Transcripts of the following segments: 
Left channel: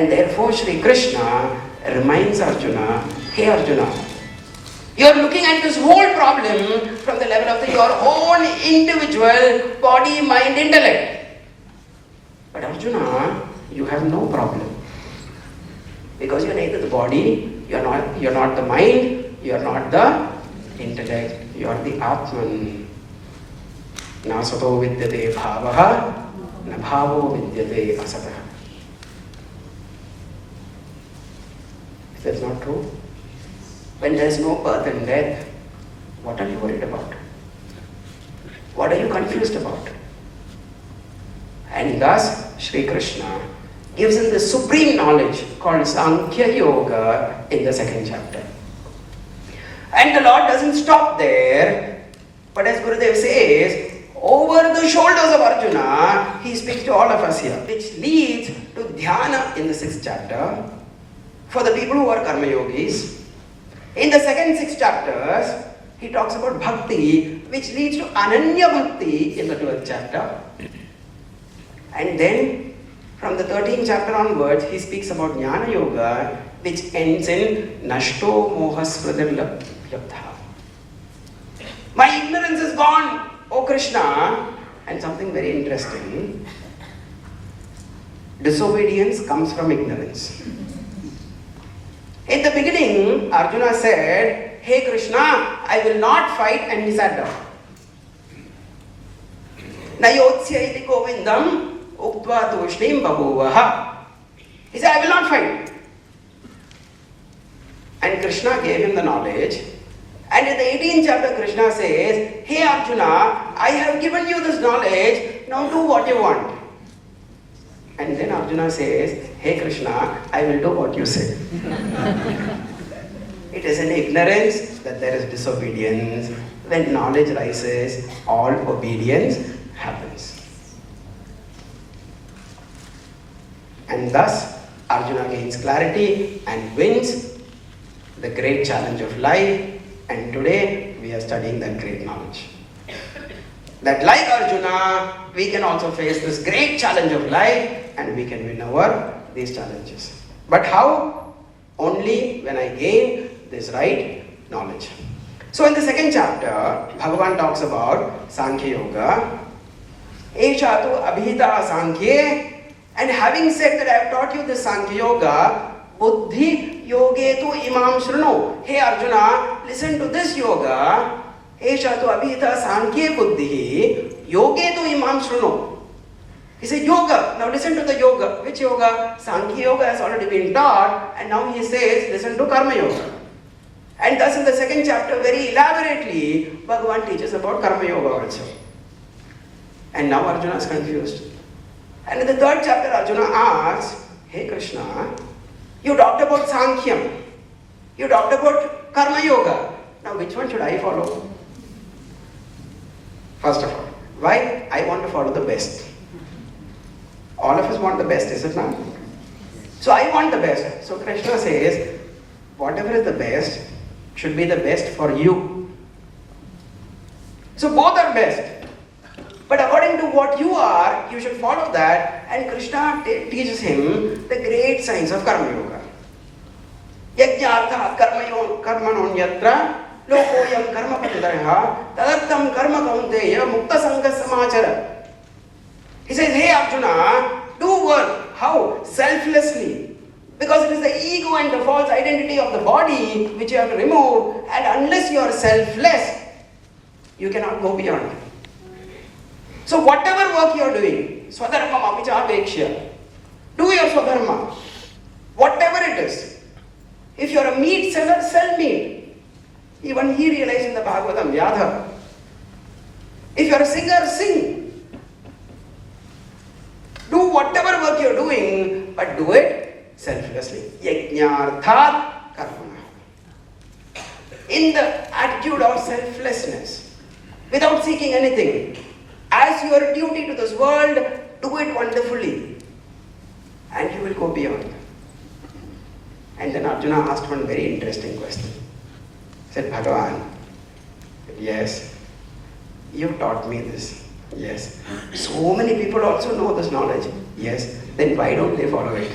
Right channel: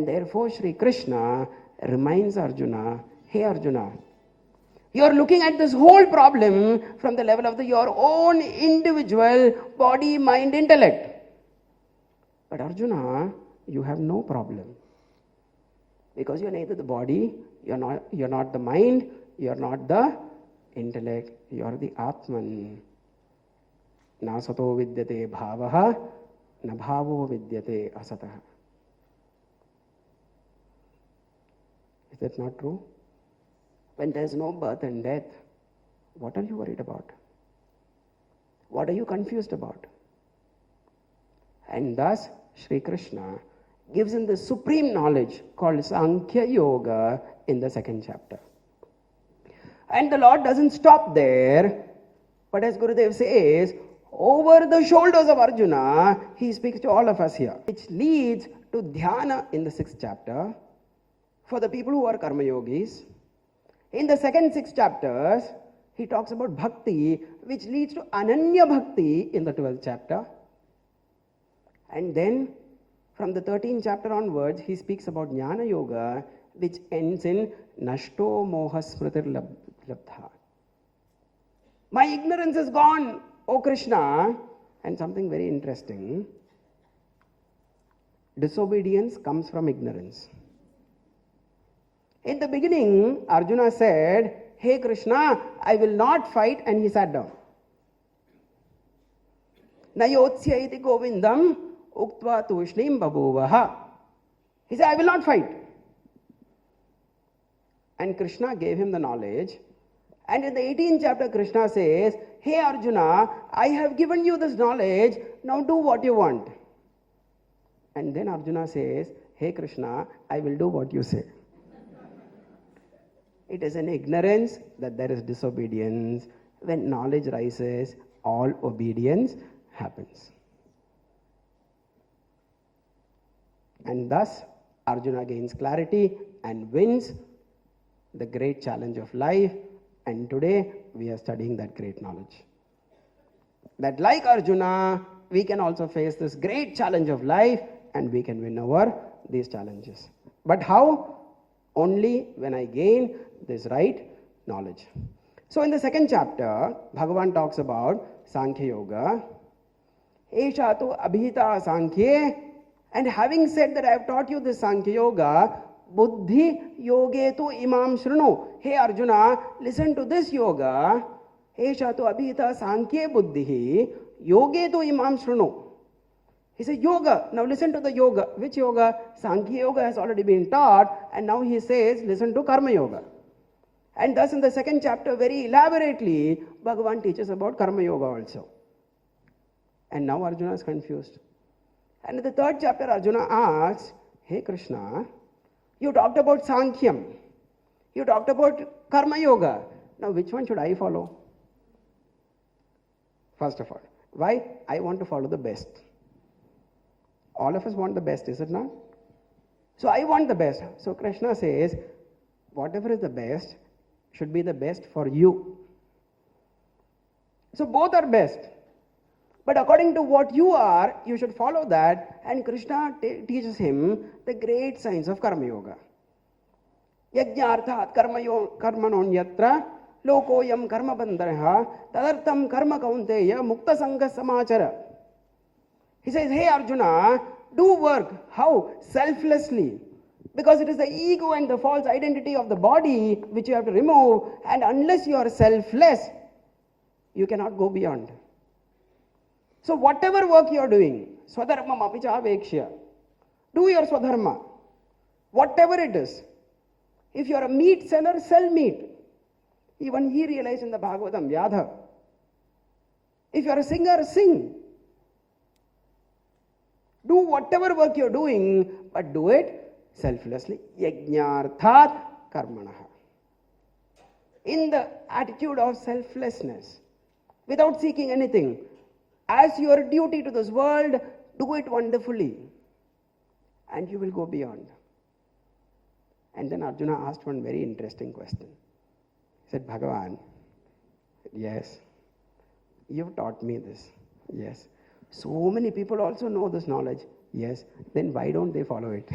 And therefore Shri Krishna reminds Arjuna, hey Arjuna, you are looking at this whole problem from the level of your own individual body, mind, intellect. But Arjuna, you have no problem. Because you are neither the body, you are not the mind, you are not the intellect, you are the Atman. Na sato vidyate bhavaha, na bhavo vidyate asatah. That's not true. When there is no birth and death, what are you worried about? What are you confused about? And thus, Sri Krishna gives him the supreme knowledge called Sankhya Yoga in the second chapter. And the Lord doesn't stop there, but as Gurudev says, over the shoulders of Arjuna, he speaks to all of us here, which leads to Dhyana in the 6th chapter for the people who are Karma Yogis. In the second 6 chapters, he talks about Bhakti, which leads to Ananya Bhakti in the 12th chapter. And then, from the 13th chapter onwards, he speaks about Jnana Yoga, which ends in Nashto Moha Smritir Labdha. My ignorance is gone, O Krishna. And something very interesting. Disobedience comes from ignorance. In the beginning, Arjuna said, hey Krishna, I will not fight, and he sat down. Nayotsya iti govindam ukva tushnim bhagovaha. He said, I will not fight. And Krishna gave him the knowledge. And in the 18th chapter, Krishna says, hey Arjuna, I have given you this knowledge, now do what you want. And then Arjuna says, hey Krishna, I will do what you say. It is in ignorance that there is disobedience. When knowledge rises, all obedience happens. And thus, Arjuna gains clarity and wins the great challenge of life. And today, we are studying that great knowledge. That like Arjuna, we can also face this great challenge of life and we can win over these challenges. But how? Only when I gain this right knowledge. So in the second chapter, Bhagavan talks about Sankhya Yoga. Eshatu abhita Sankhya. And having said that I have taught you the Sankhya Yoga, Buddhi yogetu imam shruno. Hey Arjuna, listen to this yoga. Eshatu abhita Sankhya buddhi yogetu imam shruno. He said yoga. Now listen to the yoga. Which yoga? Sankhya Yoga has already been taught, and now he says listen to Karma Yoga. And thus in the second chapter, very elaborately, Bhagavan teaches about Karma Yoga also. And now Arjuna is confused. And in the third chapter, Arjuna asks, hey Krishna, you talked about Sankhya. You talked about Karma Yoga. Now which one should I follow? First of all, why? I want to follow the best. All of us want the best, is it not? So I want the best. So Krishna says, whatever is the best should be the best for you. So both are best. But according to what you are, you should follow that. And Krishna teaches him the great science of Karma Yoga. Yajñārtha karmanon yatra lokoyam karma pandarha tadartam karma kaunteya mukta sangha samachara. He says, hey Arjuna, do work. How? Selflessly. Because it is the ego and the false identity of the body which you have to remove, and unless you are selfless, you cannot go beyond. So whatever work you are doing, swadharmam apicha apekshya, do your swadharma. Whatever it is. If you are a meat seller, sell meat. Even he realized in the Bhagavatam, Yadha. If you are a singer, sing. Do whatever work you are doing, but do it selflessly. Yajñārthat karma. In the attitude of selflessness, without seeking anything. As your duty to this world, do it wonderfully. And you will go beyond. And then Arjuna asked one very interesting question. He said, Bhagavan, yes, you taught me this. Yes. So many people also know this knowledge. Yes. Then why don't they follow it?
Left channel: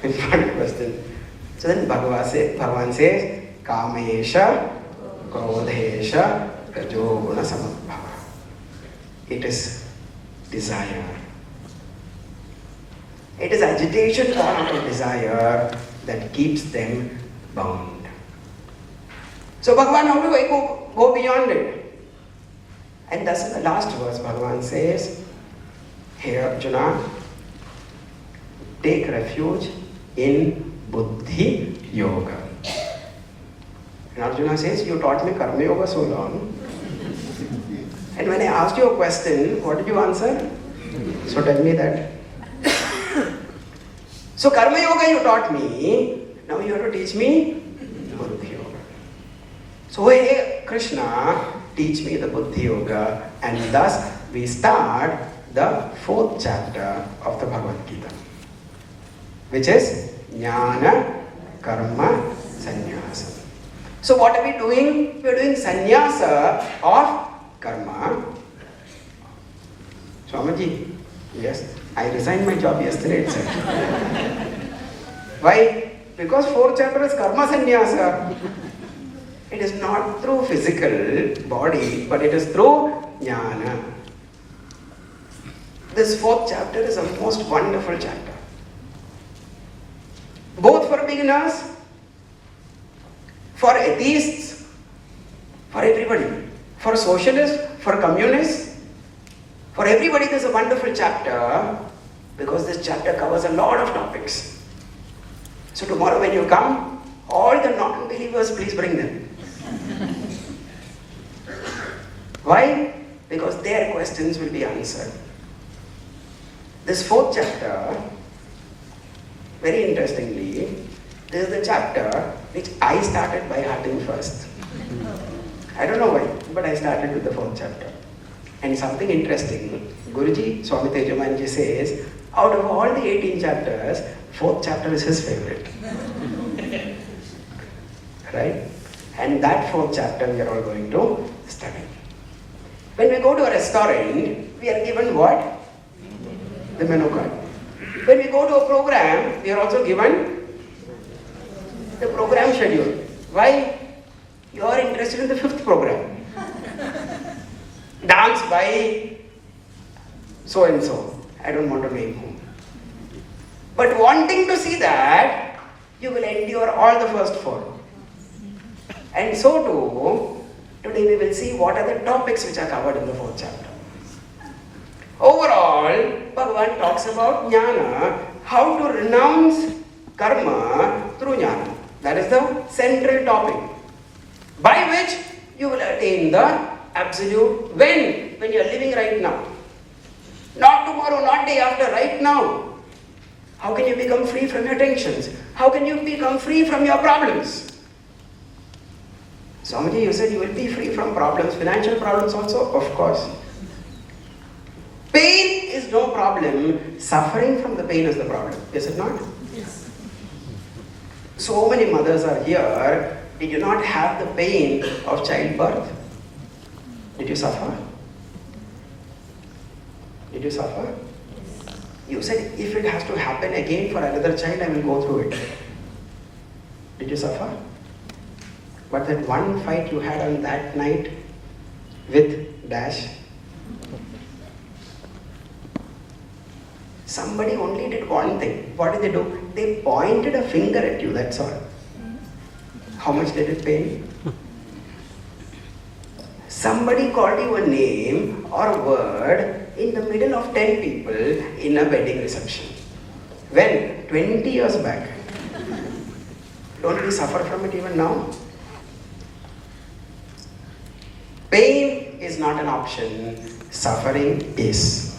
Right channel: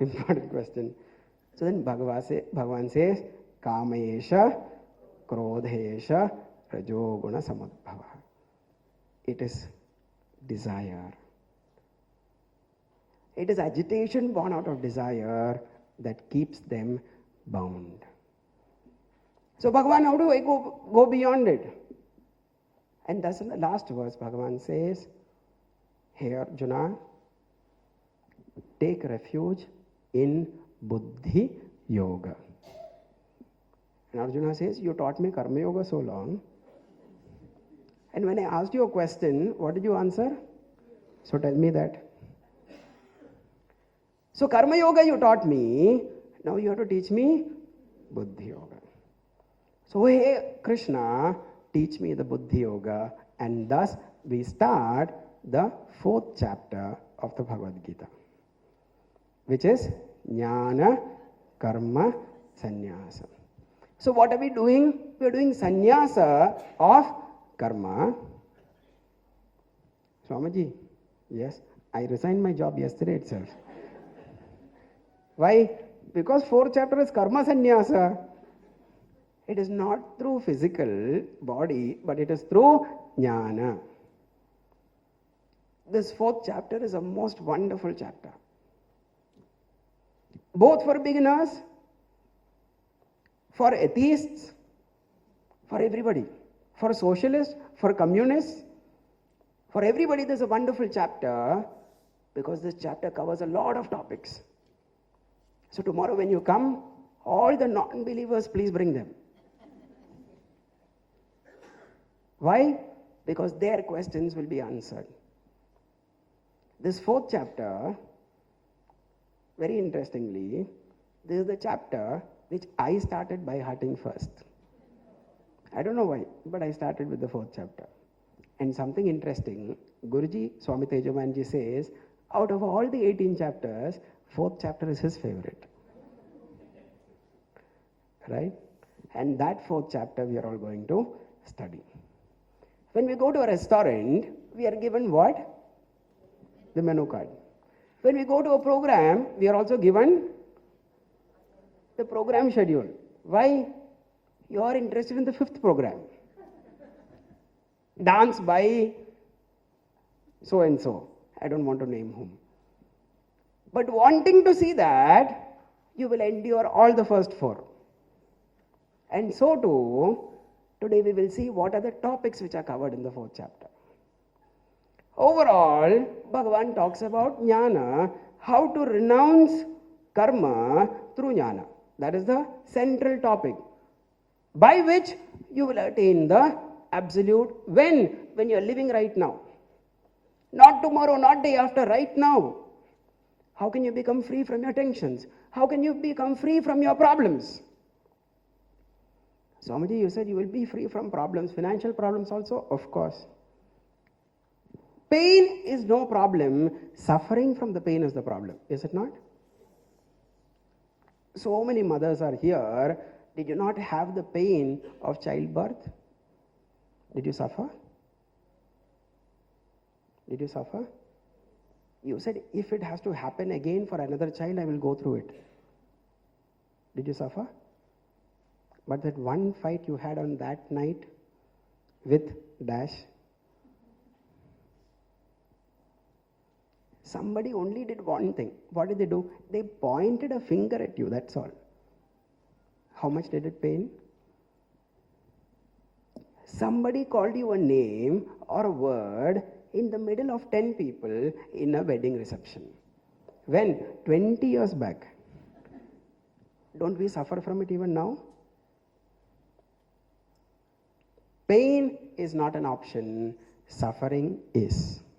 Important question. So then Bhagavan says, Kamesha, Krodhesha, Rajoguna Samabhava. It is desire. It is agitation born out of desire that keeps them bound. So Bhagavan, how do I go beyond it? And thus in the last verse, Bhagavan says, Hey Arjuna, take refuge in Buddhi Yoga. And Arjuna says, you taught me Karma Yoga so long. And when I asked you a question, what did you answer? So tell me that. So Karma Yoga you taught me, now you have to teach me Buddhi Yoga. So hey Krishna, teach me the Buddhi Yoga, and thus we start the 4th chapter of the Bhagavad Gita, which is Jnana Karma Sannyasa. So what are we doing? We are doing sannyasa of karma. Swamiji, yes, I resigned my job yesterday itself. Why? Because 4th chapter is karma sannyasa. It is not through physical body, but it is through jnana. This 4th chapter is a most wonderful chapter. Both for beginners, for atheists, for everybody, for socialists, for communists, for everybody this is a wonderful chapter because this chapter covers a lot of topics. So tomorrow when you come, all the non-believers, please bring them. Why? Because their questions will be answered. This 4th chapter, very interestingly, this is the chapter which I started by having first. I don't know why, but I started with the 4th chapter. And something interesting, Guruji, Swami Tejamanji says, out of all the 18 chapters, 4th chapter is his favorite. Right? And that 4th chapter we are all going to study. When we go to a restaurant, we are given what? The menu card. When we go to a program, we are also given the program schedule. Why? You are interested in the 5th program. Dance by so and so. I don't want to name whom. But wanting to see that, you will endure all the first 4. And so too, today we will see what are the topics which are covered in the 4th chapter. Overall, Bhagavan talks about jnana, how to renounce karma through jnana. That is the central topic, by which you will attain the absolute when you are living right now. Not tomorrow, not day after, right now. How can you become free from your tensions? How can you become free from your problems? Swamiji, you said you will be free from problems, financial problems also? Of course. Pain is no problem, suffering from the pain is the problem, is it not? Yes. So many mothers are here, we do not have the pain of childbirth. Did you suffer? Did you suffer? Yes. You said if it has to happen again for another child, I will go through it. Did you suffer? But that one fight you had on that night with Dash, somebody only did one thing. What did they do? They pointed a finger at you, that's all. How much did it pain? Somebody called you a name or a word in the middle of 10 people in a wedding reception. When? 20 years back. Don't we suffer from it even now? Pain is not an option, suffering is.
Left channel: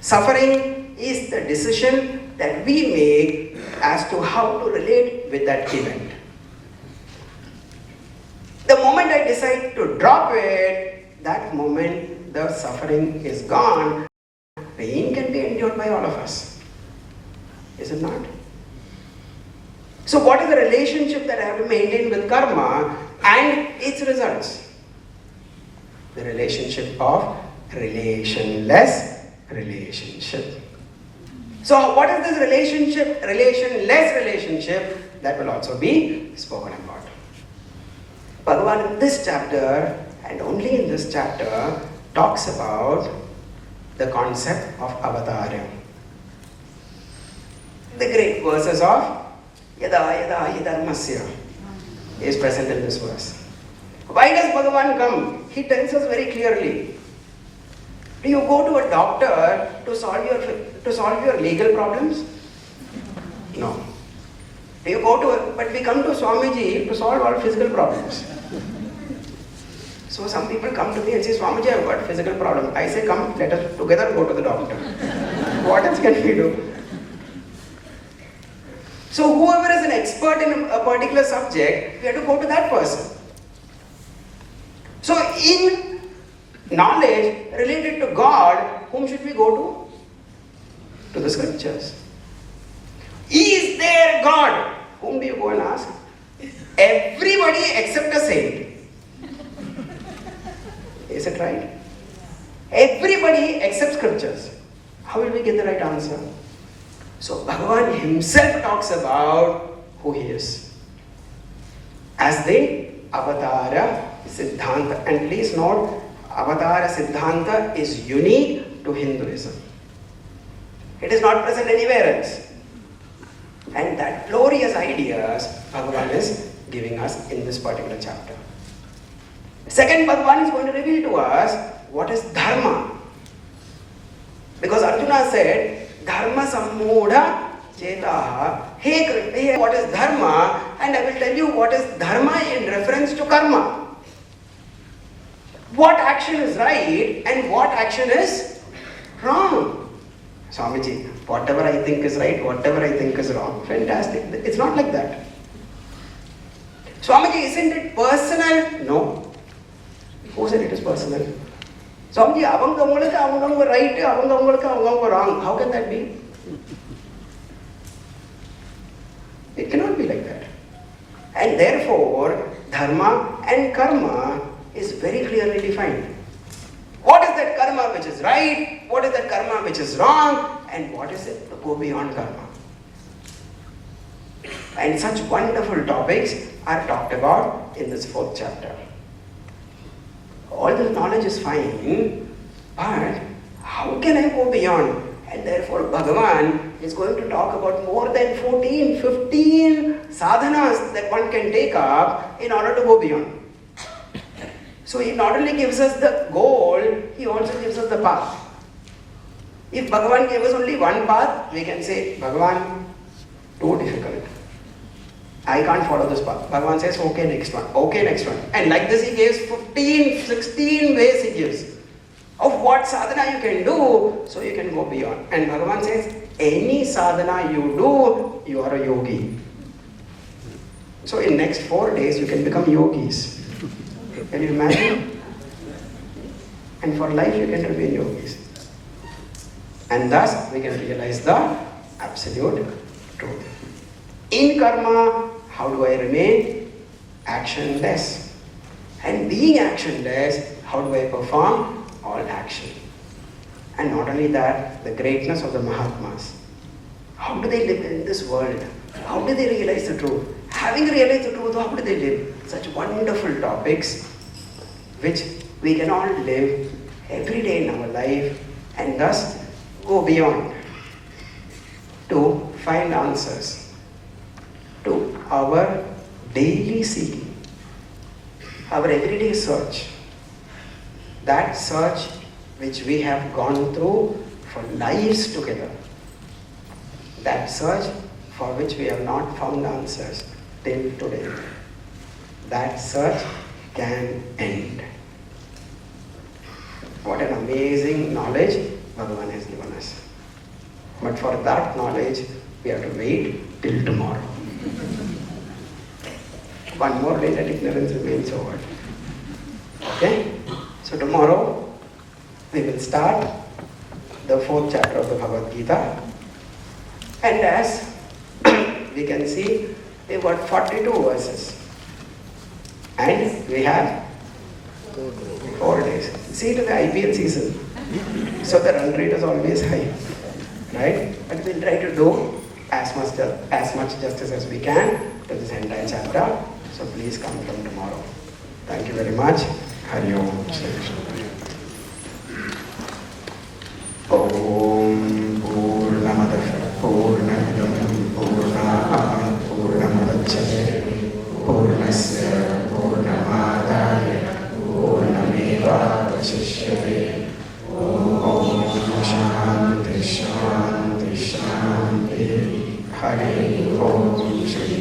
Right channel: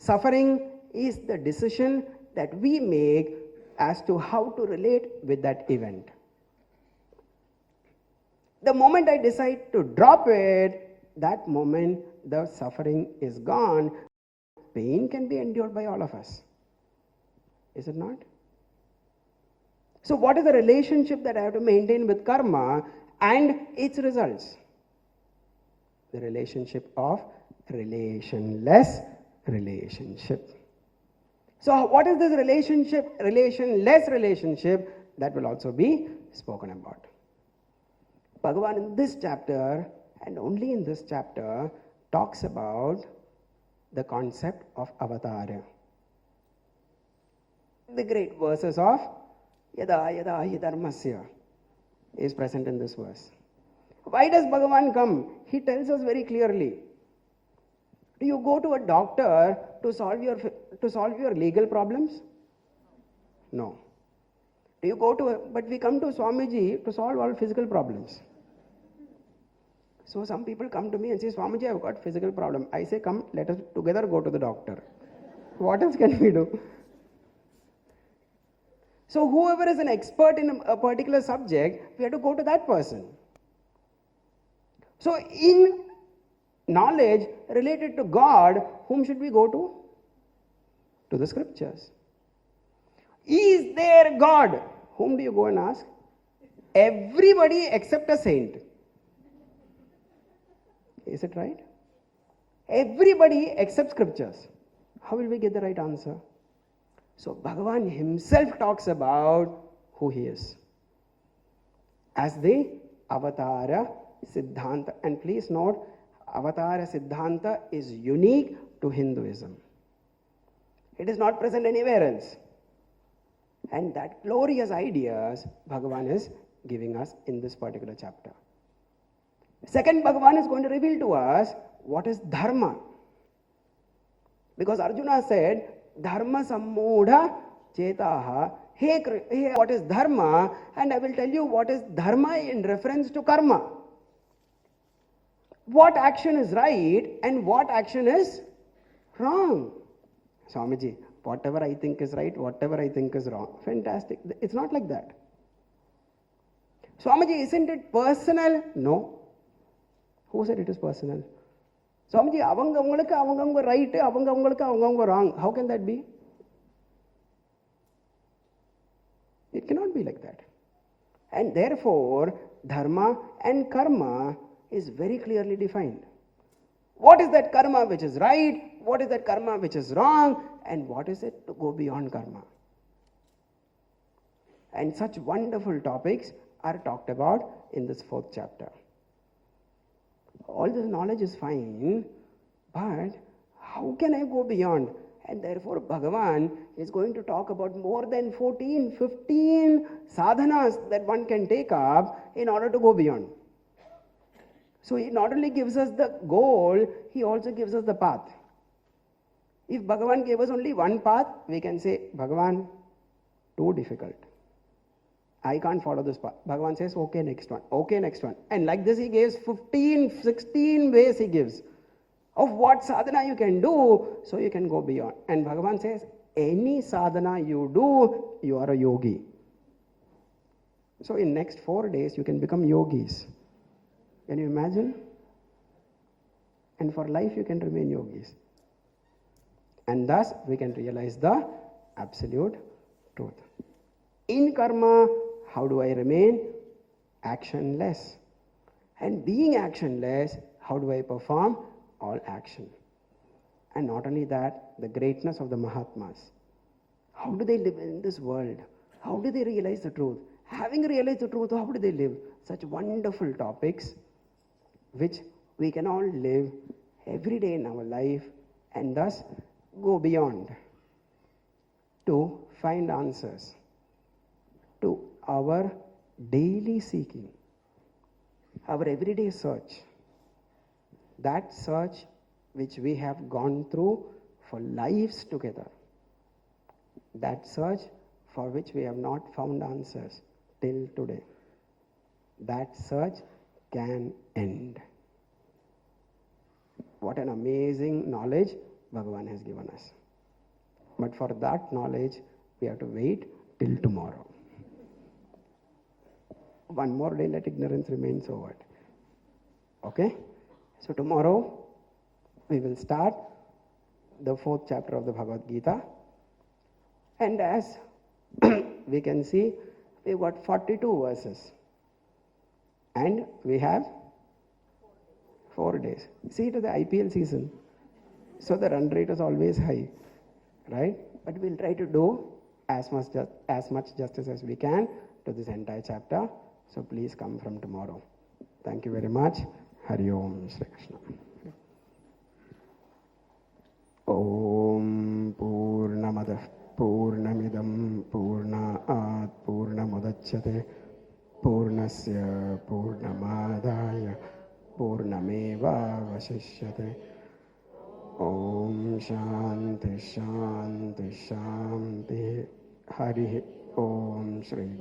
Suffering is the decision that we make as to how to relate with that event. The moment I decide to drop it, that moment the suffering is gone. Pain can be endured by all of us. Is it not? So what is the relationship that I have to maintain with karma and its results? The relationship of relationless relationship. So what is this relationship, relationless relationship? That will also be spoken about. Bhagavan in this chapter, and only in this chapter, talks about the concept of avatara. The great verses of Yada Yada Yadharmasya is present in this verse. Why does Bhagavan come? He tells us very clearly. Do you go to a doctor to solve your legal problems? No. Do you go to but we come to Swamiji to solve all physical problems. So some people come to me and say, Swamiji, I've got physical problem. I say, come, let us together go to the doctor. What else can we do? So whoever is an expert in a particular subject, we have to go to that person. So in knowledge related to God, whom should we go to? To the scriptures. Is there God? Whom do you go and ask? Everybody except a saint. Is it right? Everybody except scriptures. How will we get the right answer? So Bhagavan himself talks about who he is as the Avatara Siddhanta. And please note, Avatara Siddhanta is unique to Hinduism. It is not present anywhere else. And that glorious ideas Bhagavan is giving us in this particular chapter. Second, Bhagavan is going to reveal to us what is Dharma. Because Arjuna said, Dharma Sampoorna Gita Yagna. What is Dharma? And I will tell you what is Dharma in reference to karma. What action is right and what action is wrong. Swamiji, whatever I think is right, whatever I think is wrong. Fantastic. It's not like that. Swamiji, isn't it personal? No. Who said it is personal? Swamiji, avanga right, avanga wrong. How can that be? It cannot be like that. And therefore, dharma and karma is very clearly defined. What is that karma which is right? What is that karma which is wrong? And what is it to go beyond karma? And such wonderful topics are talked about in this 4th chapter. All the knowledge is fine, but how can I go beyond? And therefore Bhagavan is going to talk about more than 14, 15 sadhanas that one can take up in order to go beyond. So he not only gives us the goal, he also gives us the path. If Bhagavan gave us only one path, we can say, Bhagavan, too difficult. I can't follow this path. Bhagavan says, okay, next one. Okay, next one. And like this he gives 15, 16 ways he gives of what sadhana you can do so you can go beyond. And Bhagavan says, any sadhana you do, you are a yogi. So in next 4 days you can become yogis. Can you imagine? And for life you can remain yogis. And thus we can realize the absolute truth. In karma, how do I remain? Actionless. And being actionless, how do I perform? All action. And not only that, the greatness of the Mahatmas. How do they live in this world? How do they realize the truth? Having realized the truth, how do they live? Such wonderful topics which we can all live every day in our life and thus go beyond to find answers to our daily seeking, our everyday search, that search which we have gone through for lives together, that search for which we have not found answers till today. That search can end. What an amazing knowledge Bhagavan has given us. But for that knowledge, we have to wait till tomorrow. One more day that ignorance remains over. Okay? So tomorrow, we will start the 4th chapter of the Bhagavad Gita. And as we can see, we have got 42 verses. And we have 4 days. See, it is the IPL season. So the run rate is always high, right? But we'll try to do as much justice as we can to this entire chapter. So please come from tomorrow. Thank you very much. Hari Om. Om Purnamadah Purnamidam Purnat Purnamudachyate Purnasya Purnamadaya Purnameva Vasishyate. Om Shanti Shanti Shanti. Hari Om Shri